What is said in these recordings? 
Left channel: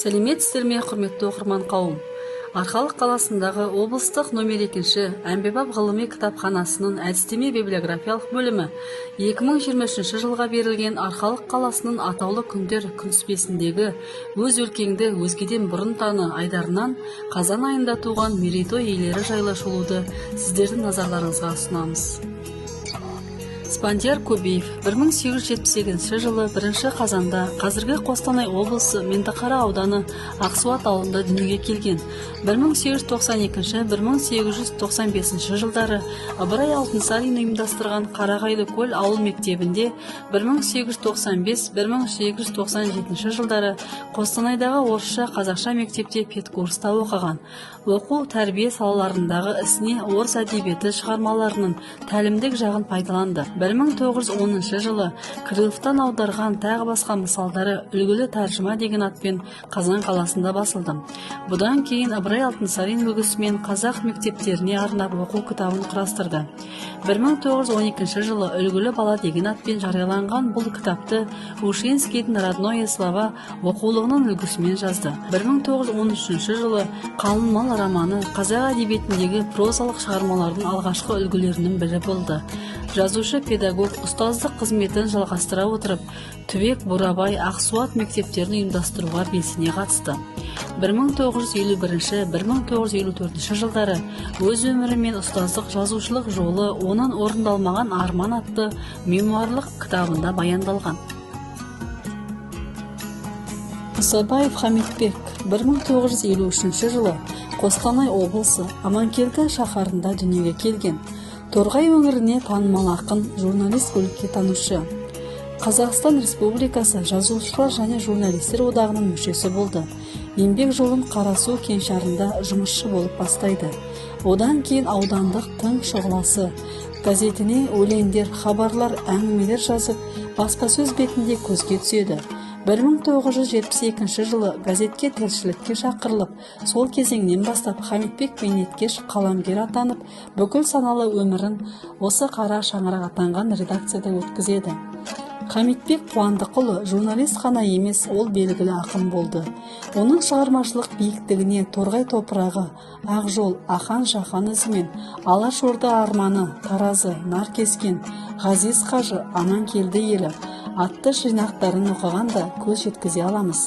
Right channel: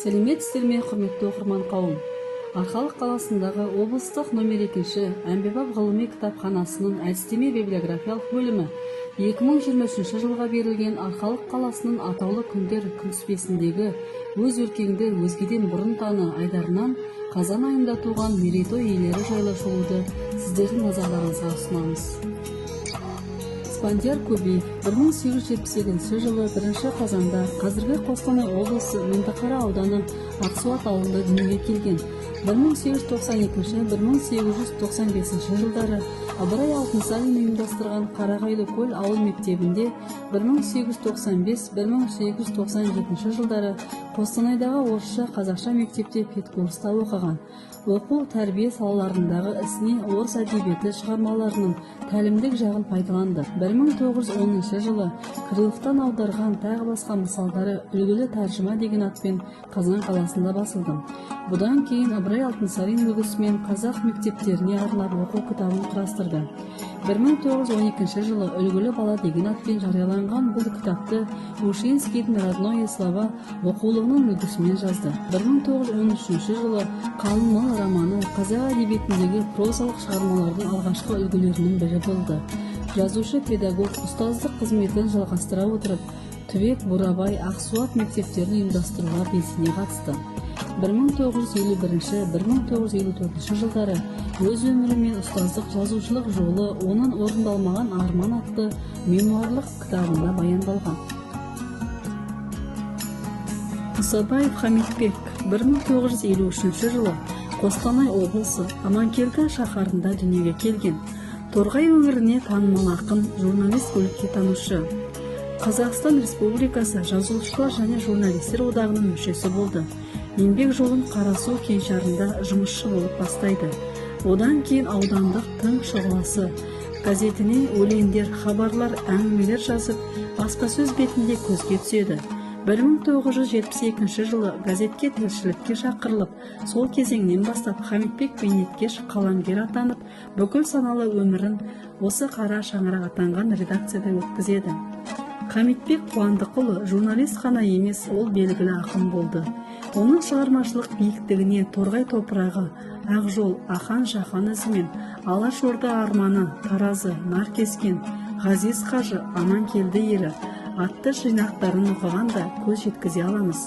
Сәлеметсіздер ме, құрметті оқырман қауым. Арқалық қаласындағы облыстық номер 2 әмбебап ғылыми кітапханасының әдістеме библиографиялық бөлімі 2023 жылға берілген Арқалық қаласының атаулы күндер күнтізбесіндегі өз өлкеңді өзгеден бұрын таны айдарынан қазан айында туған мерейтой иелері жайлы шолуды сіздердің назарларыңызға ұсынамыз. Спандияр Көбеев 1878 жылы 1 қазанда қазіргі Қостанай облысы Меңдіқара ауданы Ақсуат ауылында дүниеге келген. 1892-1895 жылдары Ыбырай Алтынсарин ұйымдастырған Қарағайлы көл ауыл мектебінде, 1895-1897 жылдары Қостанайдағы орысша қазақша мектепте педкурста оқыған. Оқу тәрбие салаларындағы ісіне орыс әдебиеті шығармаларының тәлімдік жағын пайдаланды. 1910 жылы Крыловтан аударған тағы басқа мысалдары үлгілі тәржіма деген атпен Қазан қаласында басылды. Бұдан кейін Ыбырай Алтынсарин үлгісімен қазақ мектептеріне арнап оқу кітабын құрастырды. 1912 жылы үлгілі бала деген атпен жарияланған бұл кітапты Ушинскийдің родное слова оқулығының үлгісімен жазды. 1913 жылы Қалың мал романы қазақ әдебиетіндегі прозалық шығармалардың алғашқы үлгілерінің бірі болды. Жазушы педагог ұстаздық қызметін жалғастыра отырып, Түбек, Бурабай, Ақсуат мектептерін ұйымдастыруға белсене қатысты. 1951-1954 жылдары өз өмірі мен ұстаздық жазушылық жолы оның орындалмаған арман атты мемуарлық кітабында баяндалған. Мұсабаев Хамитбек 1953 жылы Қостанай облысы Аманкелді шаһарында дүниеге келген. Торғай өңіріне танымал ақын, журналист, өлкетанушы. Қазақстан Республикасы жазушылар және журналистер одағының мүшесі болды. Еңбек жолын Қарасу кеңшарында жұмысшы болып бастайды. Одан кейін аудандық Тың шұғыласы газетіне өлеңдер, хабарлар, әңгімелер жазып, баспасөз бетінде көзге түседі. 1972 жылы газетке тілшілікке шақырылып, сол кезеңнен бастап Хамитбек бейнеткеш қаламгер атанып, бүкіл саналы өмірін осы қара шаңырақ атанған редакцияда өткізеді. Хамитбек Қуандықұлы журналист қана емес, ол белгілі ақын болды. Оның шығармашылық биіктігіне Торғай топырағы, Ақжол, Ахан Шахан ізімен, Алашорда арманы, Таразы, Наркескен, Ғазиз Қажы, Аманкелді елі атты жинақтарын оқығанда көз жеткізе аламыз.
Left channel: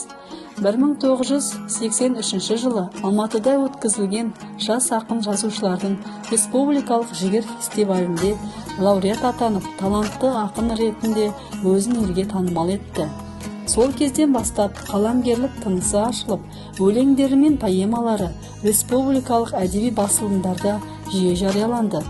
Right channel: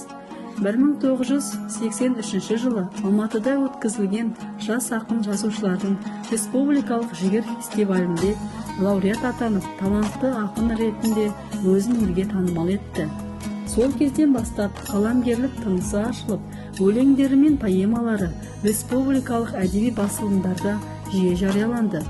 1983 жылы Алматыда өткізілген жас ақын жазушылардың республикалық жігер фестивалінде лауреат атанып, талантты ақын ретінде өзін елге танымал етті. Сол кезден бастап қаламгерлік тынысы ашылып, өлеңдері мен поэмалары республикалық әдеби басылымдарда жиі жарияланды.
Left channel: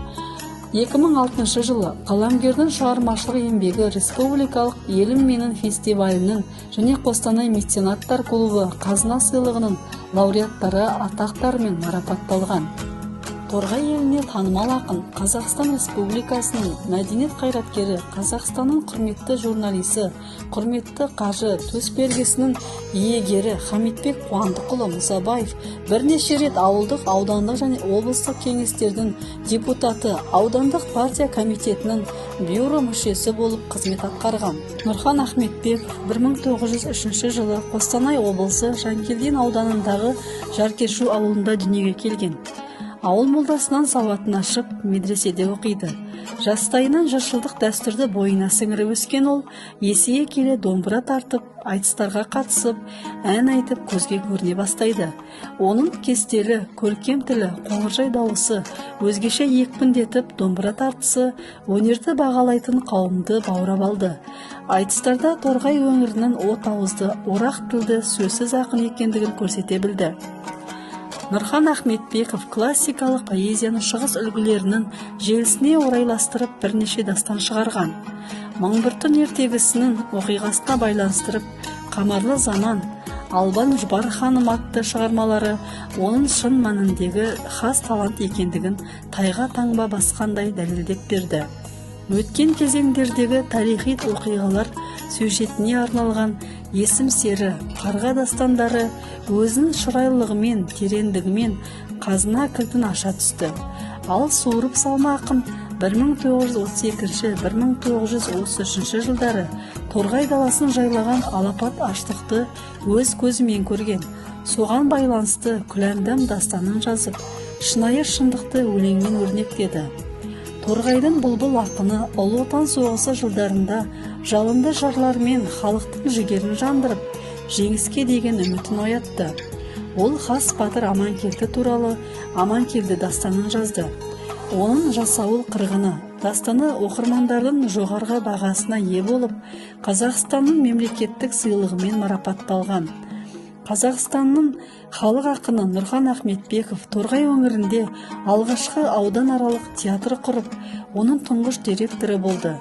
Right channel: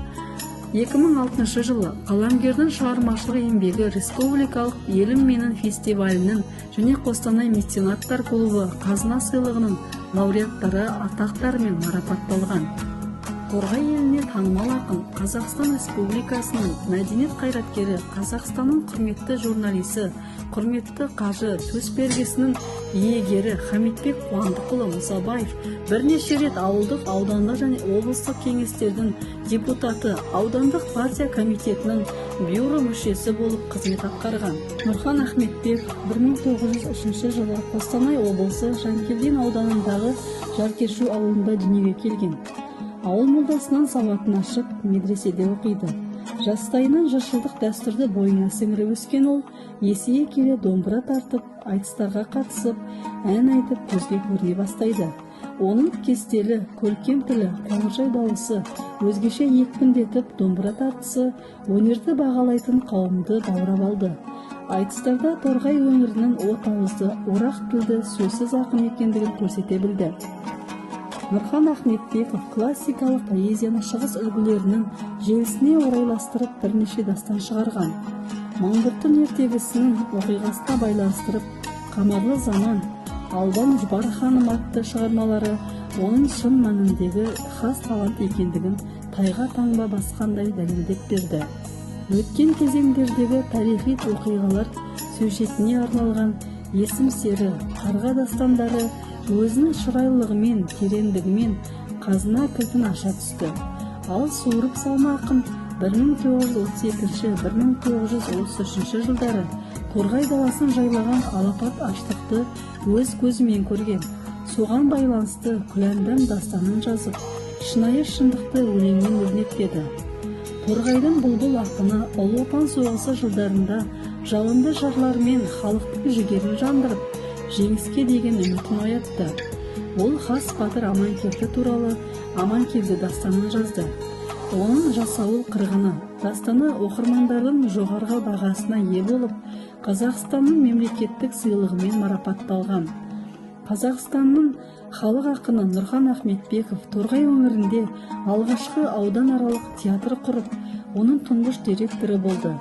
2006 жылы қаламгердің шығармашылық еңбегі республикалық Елім менің фестивалінің және Қостанай меценаттар клубы қазына сыйлығының лауреаттары атақтарымен марапатталған. Торғай еліне танымал ақын, Қазақстан Республикасының мәдениет қайраткері, Қазақстанның құрметті журналисі, құрметті қажы төсбелгісінің иегері Хамитбек Қуандықұлы Мұсабаев бірнеше рет ауылдық, аудандық және облыстық кеңестердің депутаты, аудандық партия комитетінің бюро мүшесі болып қызмет атқарған. Нұрхан Ахметбек 1903 жылы Қостанай облысы Жанкелдин ауданындағы Жаркешу ауылында дүниеге келген. Ауыл молдасынан сауатын ашып, медреседе оқиды. Жастайынан жыршылдық дәстүрді бойына сіңіріп өскен ол, есейе келе домбыра тартып, айтыстарға қатысып, ән айтып көзге көріне бастайды. Оның кестелі, көркем тілі, қоңыржай дауысы, өзгеше екпіндетіп домбыра тартысы өнерді бағалайтын қауымды баурап алды. Айтыстарда Торғай өңірінің от ауызды, орақ тілді, сөзсіз ақын екендігін көрсете білді. Нұрхан Ахметбеков классикалық поэзияның шығыс үлгілерінің желісіне орайластырып бірнеше дастан шығарған. Мың бір түн ертегісінің оқиғасына байланыстырып, Қамарлы заман, Албан Жұбар ханым атты шығармалары оның шын мәніндегі хас талант екендігін тайға таңба басқандай дәлелдеп берді. Өткен кезеңдердегі тарихи оқиғалар сюжетіне арналған есім сері, қарға дастандары өзінің шырайлығымен, тереңдігімен қазына кілтін аша түсті. Ал суырып салма ақын 1932-1933 жылдары Торғай даласын жайлаған алапат аштықты өз көзімен көрген. Соған байланысты күләмдам дастанын жазып, шынайы шындықты өлеңмен өрнектеді. Торғайдың бұлбұл ақыны Ұлы Отан соғысы жылдарында жалынды жырлармен халықтың жігерін жандырып, жеңіске деген үмітін оятты. Ол хас батыр Аманкелді туралы Аманкелді дастанын жазды. Оның жасауыл қырғыны дастаны оқырмандардың жоғарғы бағасына ие болып, Қазақстанның мемлекеттік сыйлығымен марапатталған. Қазақстанның халық ақыны Нұрхан Ахметбеков Торғай өңірінде алғашқы ауданаралық театр құрып, оның тұңғыш директоры болды.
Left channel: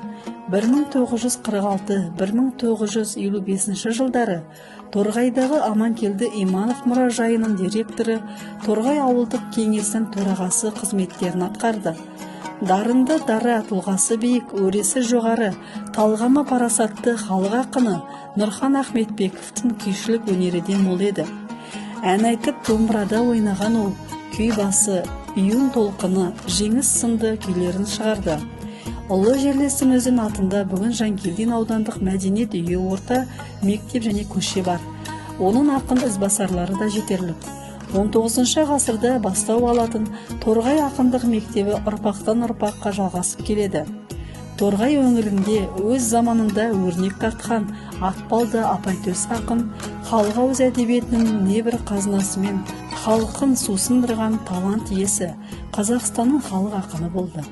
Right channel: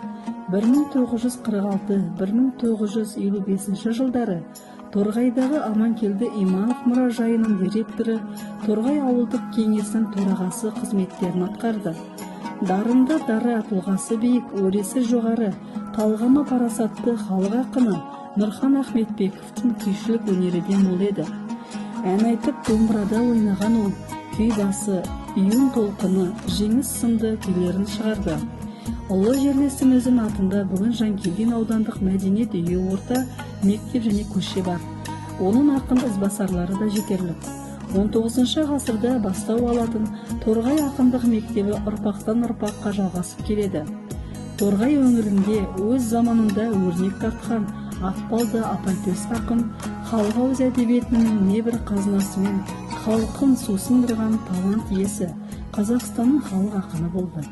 1946-1955 жылдары Торғайдағы Аманкелді Иманов мұражайының директоры, Торғай ауылдық кеңесінің төрағасы қызметтерін атқарды. Дарынды дара, тұлғасы биік, өресі жоғары, талғамы парасатты халық ақыны Нұрхан Ахметбековтың күйшілік өнеріден мол еді. Ән айтып домбырада ойнаған ол, күй басы, үйін толқыны, жеңіс сынды күйлерін шығарды. Ұлы жерлестің өзін атында бүгін Жанкелдин аудандық мәдениет үйі, орта мектеп және көше бар. Оның ақын ізбасарлары да жетерлік. 19 ғасырда бастау алатын Торғай ақындық мектебі ұрпақтан ұрпаққа жалғасып келеді. Торғай өңірінде өз заманында өрнек тартқан Ақбалды Апайтөс ақын халық ауыз әдебиетінің небір қазынасымен халқын сусындырған талант иесі, Қазақстанның халық ақыны болды.